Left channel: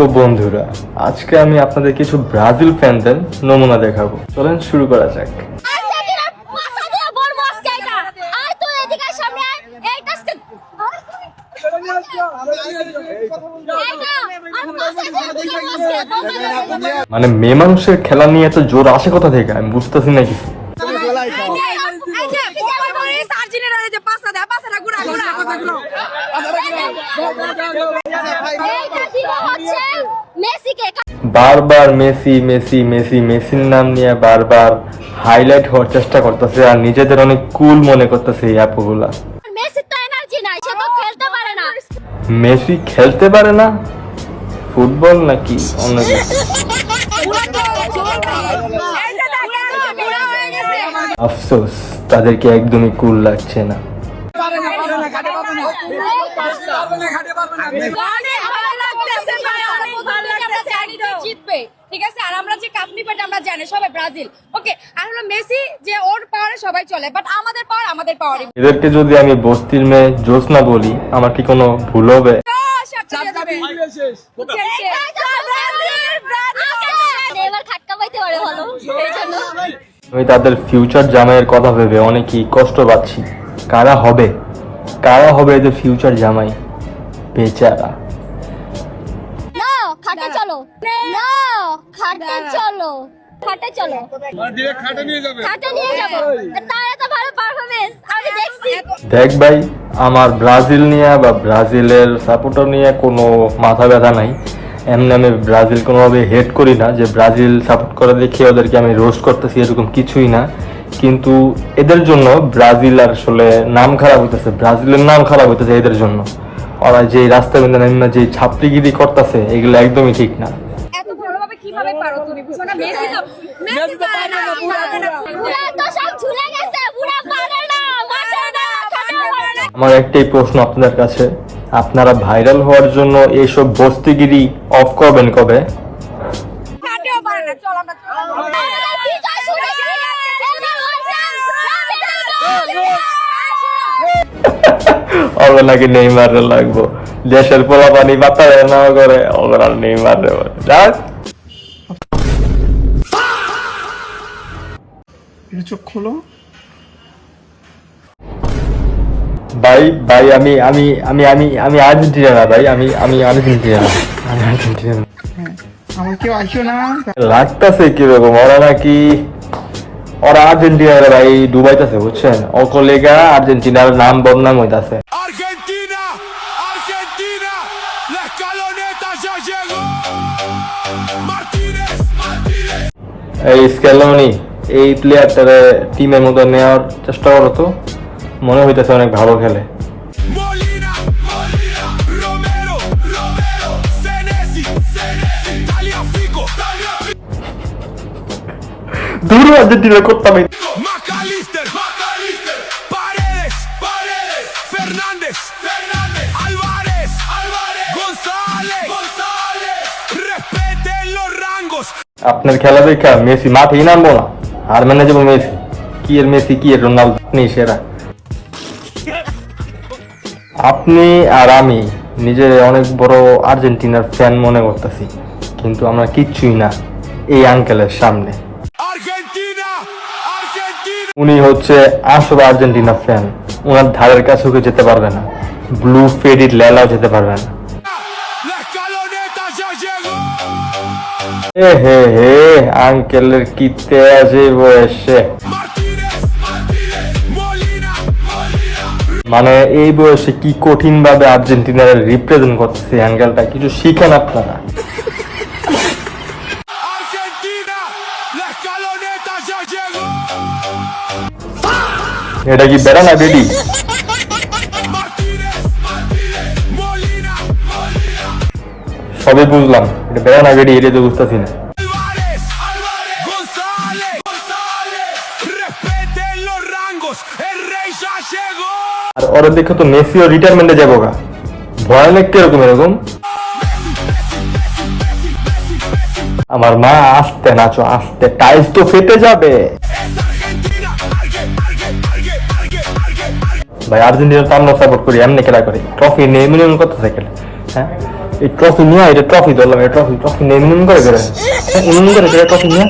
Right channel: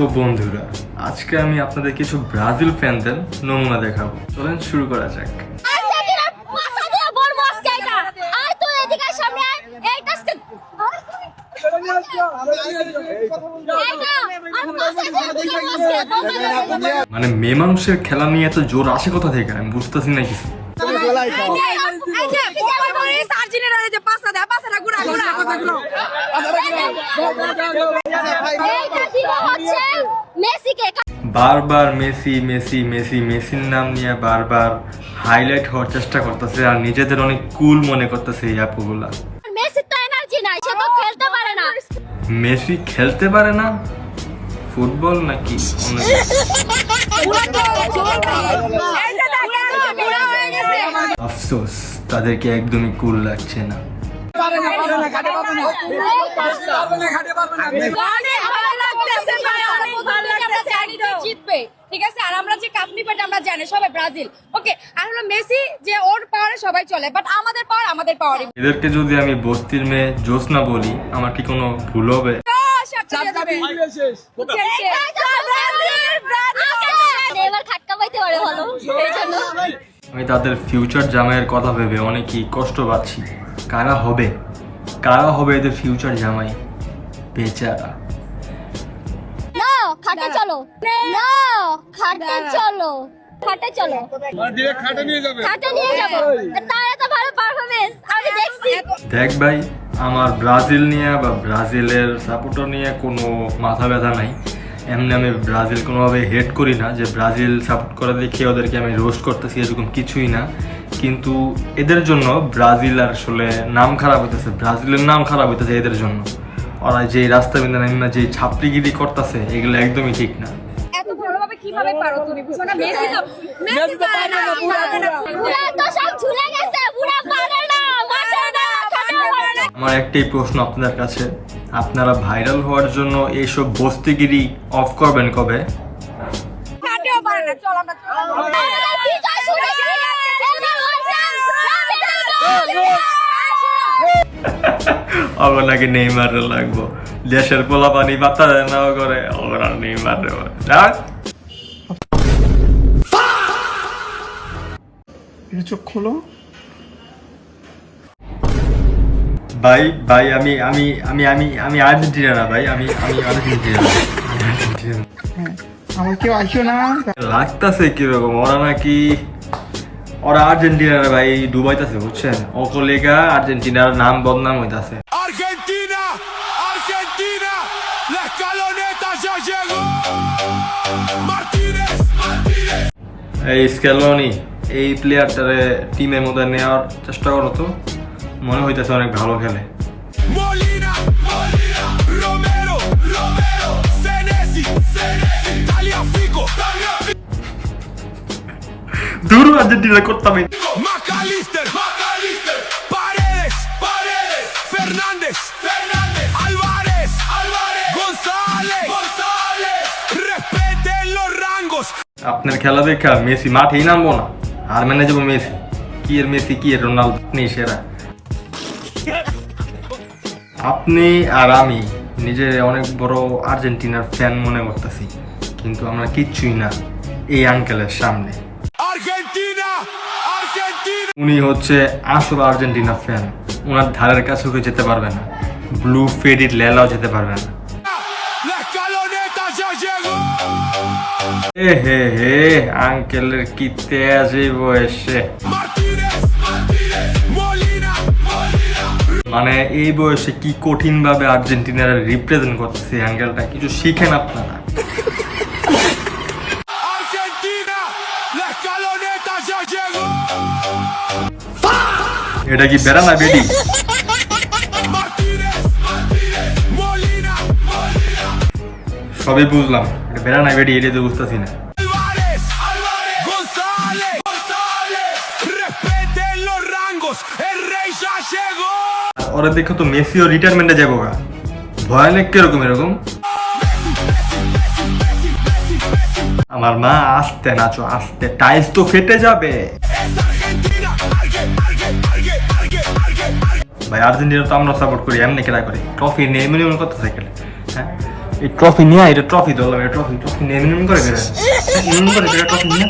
তো বন্ধুরা, আজকে আমি আপনাদের কিছু ব্রাজিল ফ্যানদের নমুনা দেখাবো। চলেন শুরু করা যাক। মানে মেয়ে মানুষের খেলা নিয়ে এত জোর আসে কোথা থেকে আমি বুঝতেছি না কিছু। বারবার মেসি মেসি মেসি মেসির নাম নিয়ে বারবার হাইলাইট হওয়ার চেষ্টা করতেছে আর নিজেদের অনেক কুল মনে করতেছে এই অ্যাপগুলা। মেসি খেলতে পারে না ফুটবল নাকি অন্য কিছু? আফসোস, তাদেরকে একদমই কুল লাগছে না। ঠিক আছে, আর আমরা যে কাপ নিবে আমরা জানি সবাই ব্রাজিল, ওকে। আর হলো মেসি যে ওর পাওয়ারে সবাই চলে, বাট আমাদের পাওয়ার আমাদের পাওয়ারই। এদেরকে যদি আমি বস্তির মেয়ে জোসনা বলি, আমার কি কোনো ভুল হবে? আমি তাদের ফিউচার জামাইয়ের কথা ভেবে অনেকই কষ্ট পাচ্ছি। কারা হবে এদের ফিউচার জামাই? বেচারা। খাটে চলো, খাটে চলো, খাটে চলো, খাটে নিয়ে যাবো। তাহলে তো ভালো পারফরমেন্স আমি দেখছি। দেখ ভাই, আমার ব্রাজিল নিয়ে বা ব্রাজিলের সাপোর্টার নিয়ে কোনো মাথা ব্যথা নাই। এমনি আমি ব্রাজিল কোনোভাবে হেট করি না যে ব্রাজিল সাপোর্ট করে দেখে ওদেরকে আমি রোস্ট করতেছি, এরকম কিছুই না। কিন্তু এদের জন্য ব্রাজিল আর আসলে নাম খারাপ হইতেছে, ব্রাজিলের নাম খারাপ হইতেছে এদের জন্য। ওরা যে রাস্তা বিন্দা যে ছাপড়িগিরি করতেছে এগুলো একদমই ঠিক না। এত ভালোভাবে কিভাবে পারো তুমি? বুঝো না, মেসি তো পারে না, পুরা তো সব ঝুলে গেছে, পুরা পারে না, মাঠে না, খাটে পারে না। আমার একটাই প্রশ্ন আপনাদের কাছে, আপনারা ভাইরাল হওয়ার জন্য এইসব বস্তিগিরি অফ করবেন কবে? খাটেও পারে না। চল আমরা ওগুলো নাকি নেইমার লাগবো, দেশের পোলা পানি পাতা না করে ওগুলো নেইমার যাক। চোখ খোলো ভাই ভাই আমি আমি আমি আমি আমি আর্জেন্টিনা না ভাই, আমি আমি আর্জেন্টিনা না, আমি আর্জেন্টিনা না। আমার কেউ আসো না। লাগতাছে কিরকম, ওরা আর্জেন্টিনার ভাই ডুবাইতেছে বুঝছেন, অকলেগা আর্জেন্টিনার নাম বদনাম হইতাছে। Argentina, Argentina, la escaloneta ya llegó. Martínez, Martínez. এই স্ক্যালোনি এই প্লেয়ারটারে টিমের মধ্যে নেওয়ার চেষ্টা করো তো, মনে হইতেছে অনেক ভালো খেলে। Molina, Molina, Romero, Romero, Senesi, Senesi, Tagliafico, Tagliafico, দূর আর্জেন্টিনা করতাম। McAllister, McAllister, Paredes, Paredes, Fernández, Fernández, Álvarez, Álvarez, González, González, respeten los rangos. আপনার খেলা দেখা মেসি মাঠেই নামবো না, আর মেনে যাবো মেসি। কি এর মেসি, কি এর রোনাল্ডো, নেই সেরা। আপনি আর আমি নিজে অনেক বড় আর্জেন্টিনার ফ্যান মনে করতেছি, কিন্তু আমরা কিচ্ছুই না এই আঙ্কেলের সামনে। Argentina, Argentina. উনি হচ্ছে আসল আর্জেন্টিনা ফ্যান, ওনার ধারের কাছেও কেউ যেতে পারবে না, ব্লু ফেডির লেলাও যেতে পারবে না। La escaloneta ya llegó. হে আঙ্কেলের কি তেজ এই বয়সে, Martínez, Martínez, Molina, Molina. মানে এই বয়সে কি কঠিন ভাবে আর্জেন্টিনার রিপ্রেজেন্ট করতেছে আঙ্কেলটা, কিছু শিখেন আপনারা। Argentina, la escaloneta ya llegó. এটা কি বেড়া না বেডি? Martínez, Martínez, Molina, Molina. সবই বুঝলাম, এটা বেড়া না বেডি, এটা তো বুঝতেছি না। Álvarez, Álvarez, González, González. Respeten los rangos. El rey ya llegó. আর ওরা দেখে তো মেসিও রিটায়ারমেন্টে যাবো গা, ভয়ানক কিরকম এরকম। আমার মা আস্তে নাচো আস্তে, টাইলস তো ফেটে যাবে। Es Argentina, Argentina. ভাই আর্জেন্টিনা তো আমরা সাপোর্ট করি, এমনি খেলা করি, ট্রফি নিয়ে মিনিমাম কত সেকেন্ড। হ্যাঁ এই ট্রফি নিয়ে এটা ট্রফি ধরলাম, এটা ট্রফি ট্রফি নিয়ে এমন করে করে এমন করে করে ট্রফি নিয়ে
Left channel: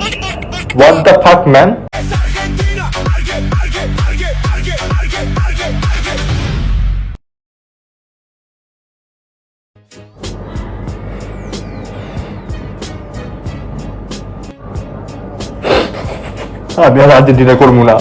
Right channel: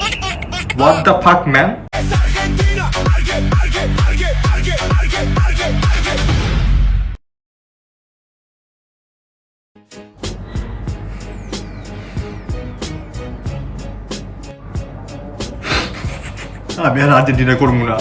what the fuck man. Es Argentina. আমি আর আর্জেন্টিনা করবো না।